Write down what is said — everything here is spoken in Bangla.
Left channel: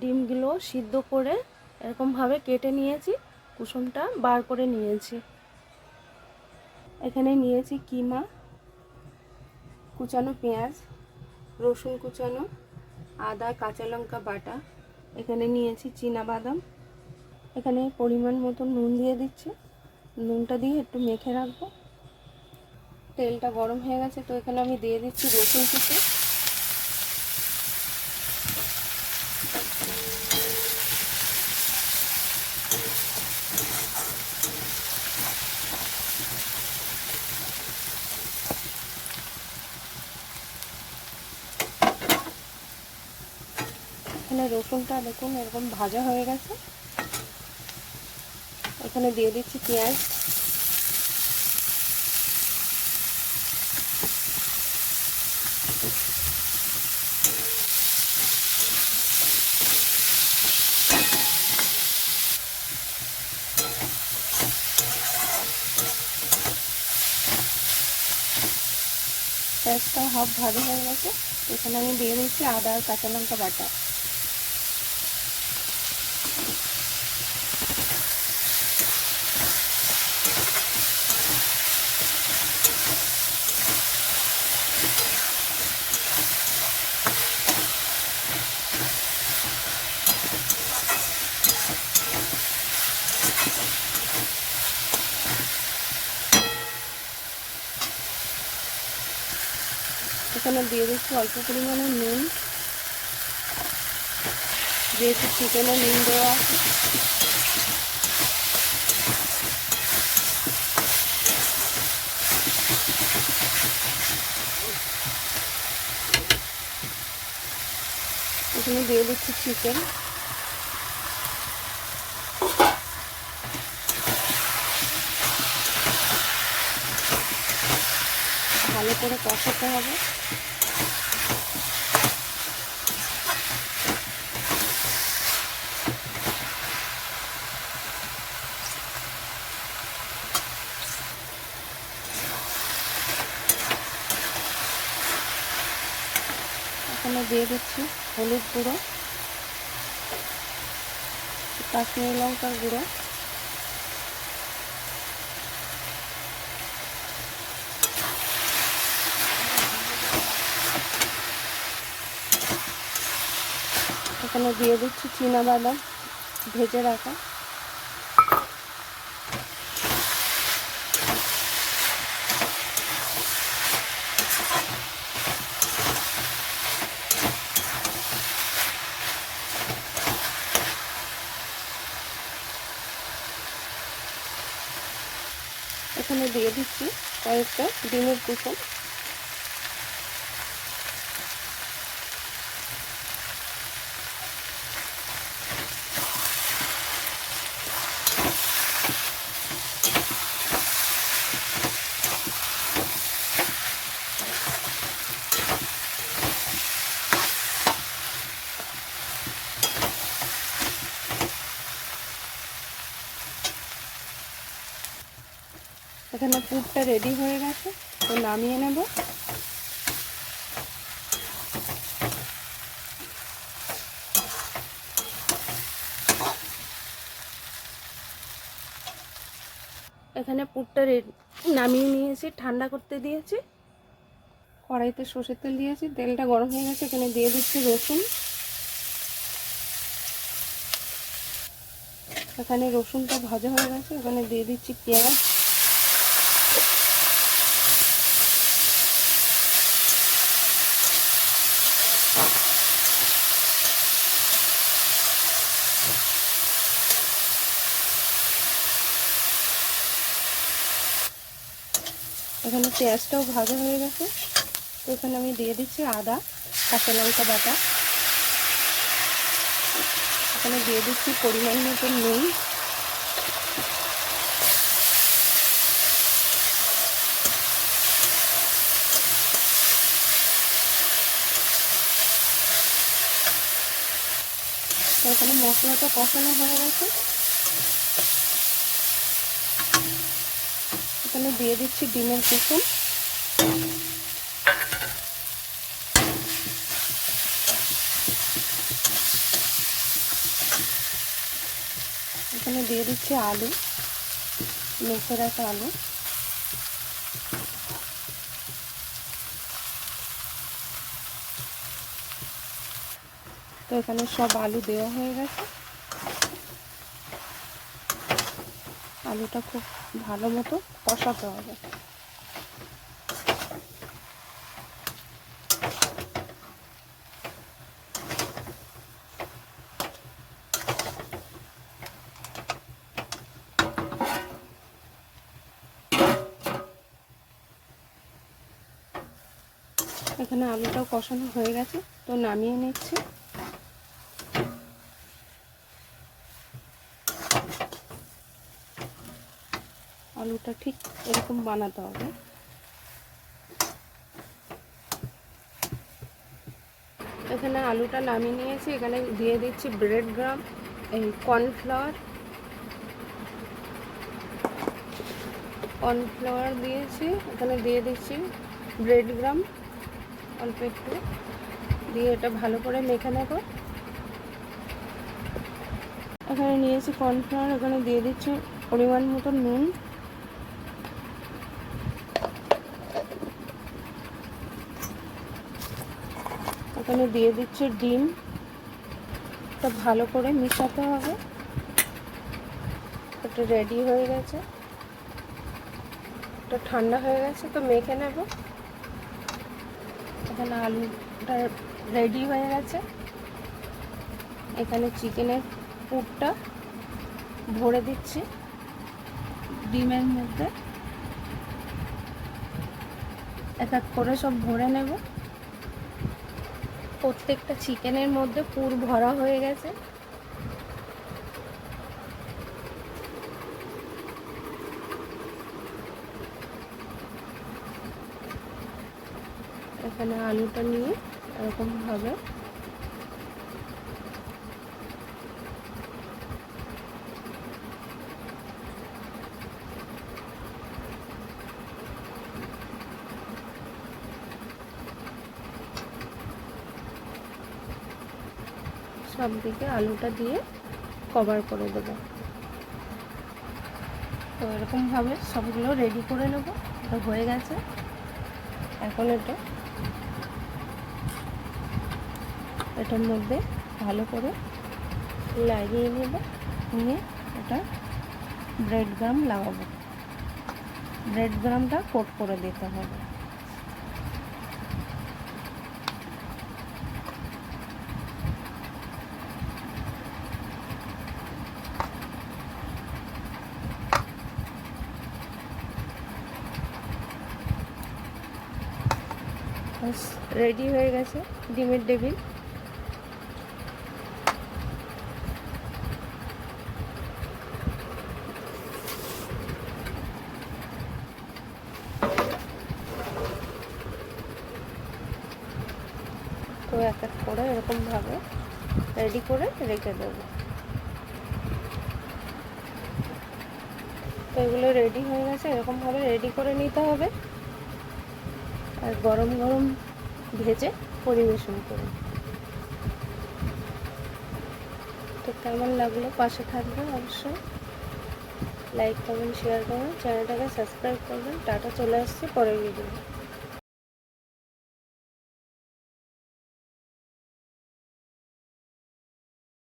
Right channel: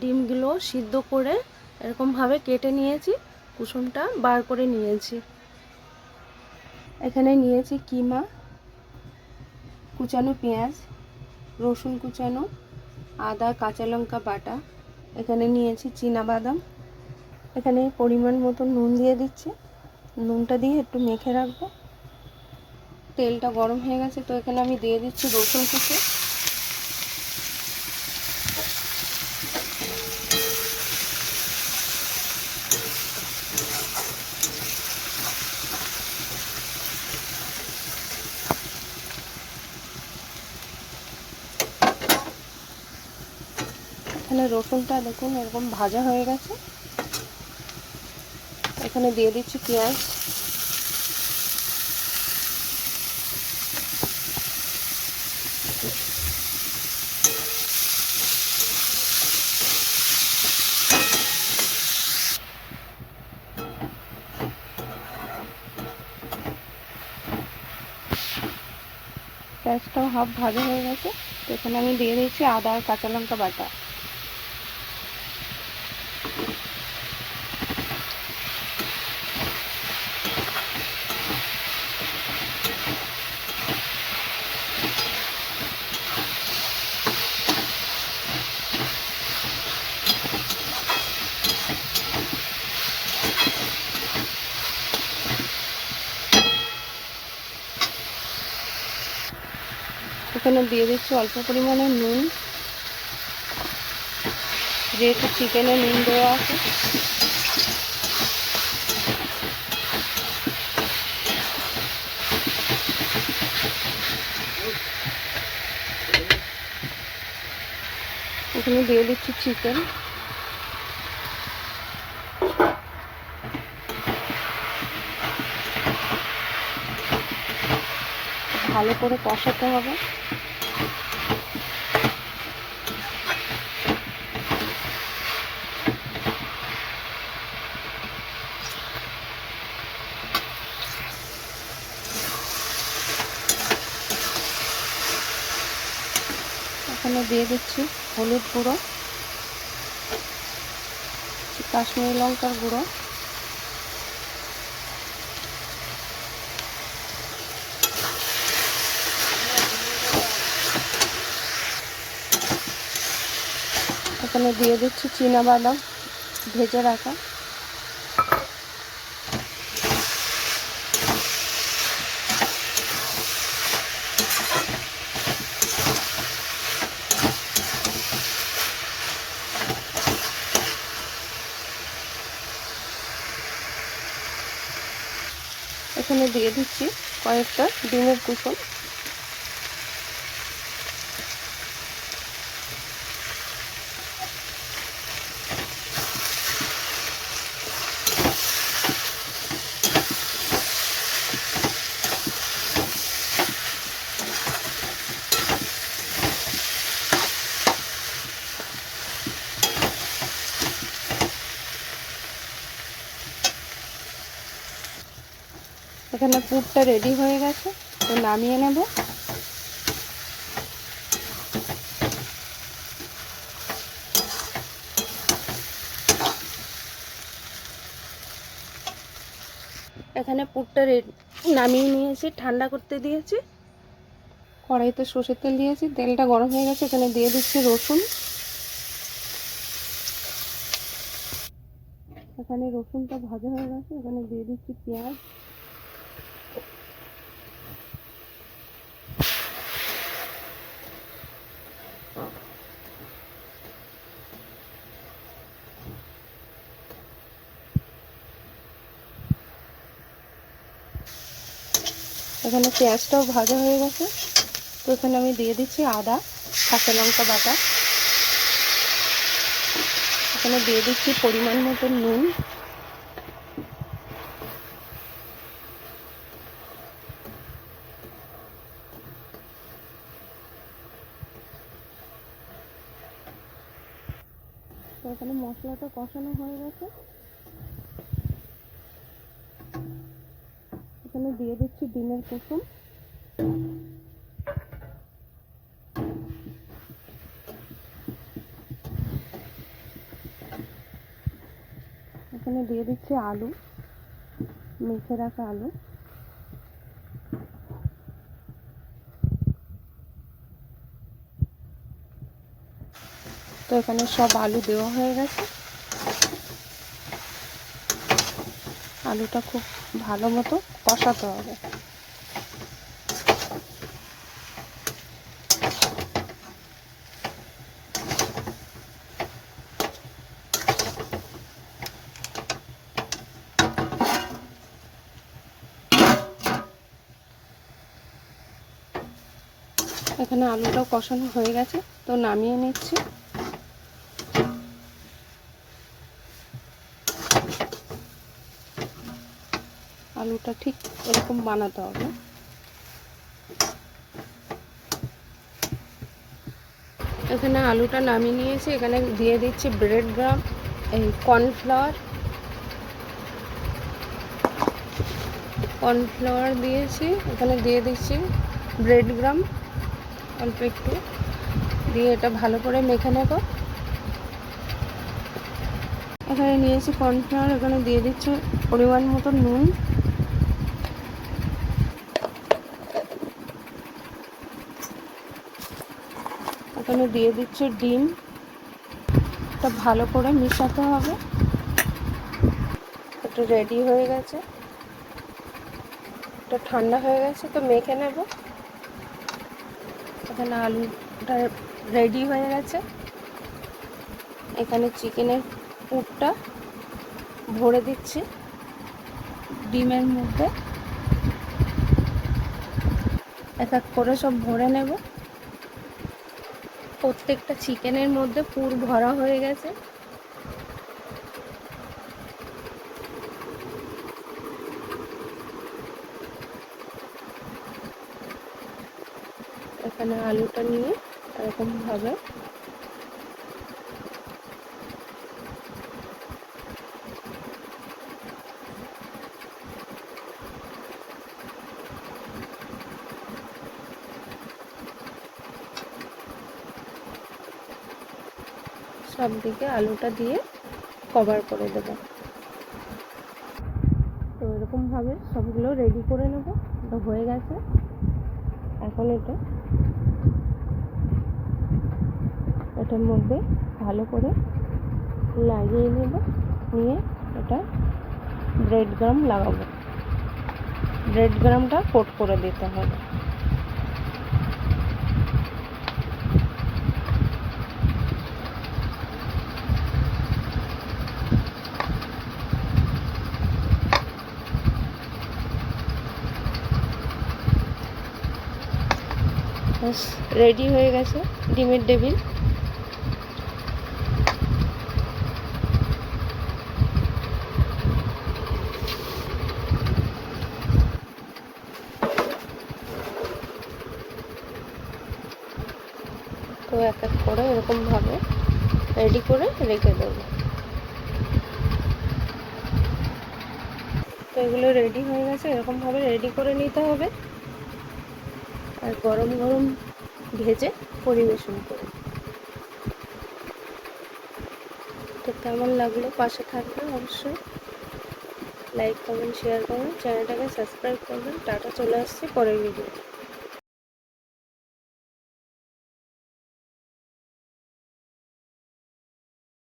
ডিমগুলো সিদ্ধ করে এরকমভাবে কেটে নিয়েছি, কুসুমটা বার করে নিয়েছি। এখানে নিয়েছি কিমা, কুচানো পেঁয়াজ, রসুন কুচানো, আদা কাঁচা লঙ্কা বাটা, এখানে নিয়েছি চীনাবাদাম। এখানে পরিমাণ মতো নুন দিয়ে দিচ্ছি, নুনটা দিয়ে একটু মেখে রাখবো। তেলটা গরম হয়ে গেছে, তো এখানে আমি দিয়ে দিচ্ছি রসুন কুচি। এখানে রসুনটা দেখুন এরকম ভাজা হয়ে গেছে। এখানে দিয়ে দিচ্ছি পেঁয়াজ। পেঁয়াজটাও হাফ ভাজা হয়ে গেছে, তো এখানে আমি দিয়ে দিচ্ছি আদা আর কাঁচা লঙ্কা বাটা। এখানে দিয়ে দিচ্ছি অল্প পরিমাণে নুন, যেহেতু চিকেনে নুন দেওয়া আছে। এখানে দিয়ে দিচ্ছি চিকেন। ভালো করে কষাতে হবে। এখানে দিয়ে দিচ্ছি হলুদ গুঁড়ো, কাশ্মীরি লঙ্কার গুঁড়ো, এখানে দিয়ে দিচ্ছি চীনাবাদাম ভেজে রাখা। এখানে দিয়ে দিচ্ছি কয়েকটা ডিমের কুসুম। এখানে পুরটা রেডি হয়ে গেছে, তো নামিয়ে নেব। এখানে পুরটা নামিয়ে নিয়েছি, ঠান্ডা করতে দিয়েছি। কড়াইতে সর্ষের তেল দিয়েছি, তেলটা গরম হয়ে গেছে। এখানে দিয়ে দিচ্ছি রসুন। এখানে রসুনটা ভাজা হয়ে গেছে, এখানে দিয়ে দিচ্ছি পেঁয়াজ। এখানে পেঁয়াজটাও ভাজা হয়ে গেছে, তো এখানে আমি দিয়ে দিচ্ছি আদা কাঁচা লঙ্কা বাটা। এখানে দিয়ে দিচ্ছি পরিমাণ মতো নুন। তো এখানে মশলাটা কষানো হয়ে গেছে, এখানে দিয়ে দিচ্ছি ডিমের কুসুম। এখানে দিয়ে দিচ্ছি আলু, মেখে রাখা আলু। তো এখানে সব আলু দেওয়া হয়ে গেছে। আলুটা খুব ভালো মতো কষাতে হবে। এখানে আলুটাও কষানো হয়ে গেছে, তো নামিয়ে নিচ্ছি। আলুটা ঠিক এরকম বানাতে হবে। এখানে আলুটা নামিয়ে নিয়েছি। এখানে দিয়ে দিচ্ছি ব্রেড ক্রাম্ব, এই কর্নফ্লাওয়ার দিয়েছি। এখানে দিয়ে দিচ্ছি ব্রেড ক্রাম্ব অল্প একটু দিয়ে এটা ভালো করে মেখে নেব। এখানে নিয়েছি কর্নফ্লাওয়ার, এখানে দিয়ে দিচ্ছি পরিমাণ মতো নুন, এখানে দিয়ে দিচ্ছি ডিম। এটা ভালো করে মিশাতে হবে। এটা রেডি হয়ে গেছে, এটা ঠান্ডা হয়ে গেছে, তো মেখে নেব। এখানে আলুটা রেডি হয়ে গেছে। এখানে চিকেনের পুরটা ভরে দিচ্ছি ডিমের মধ্যে। এক এক করে সব ভরে নেব। প্রত্যেকটা চিকেনের মধ্যে পুর ভরা হয়ে গেছে। এখানে আলুটা নিয়ে এরকম ভাবে সব দিকে আলুটা দিয়ে কভার করে দেব। তো এরকমভাবে সবগুলো রেডি করে নেব। এটা হয়ে গেছে। এখন এটার মধ্যে ভালো করে লাগিয়ে নেব। নিয়ে এটা ব্রেড ক্রাম্ব লাগাবো। ব্রেড ক্রাম্বটা কোট করে দিতে হবে। রেডি হয়ে গেছে ডিমের টেবিল। তো এক এক করে এরকমভাবে রেডি করে রেখে দেব। তো এগুলো রেডি হয়ে গেছে। এরকমভাবে রেডি করে নিতে হবে আর গরম গরম ভেজে পরিবেশন করুন। তো কেমন লাগলো পাশে থাকবেন অবশ্যই। লাইক করবেন, শেয়ার করবেন, চ্যানেলটাকে সাবস্ক্রাইব করবেন। টাটা, চলে আসছি পরের ভিডিও।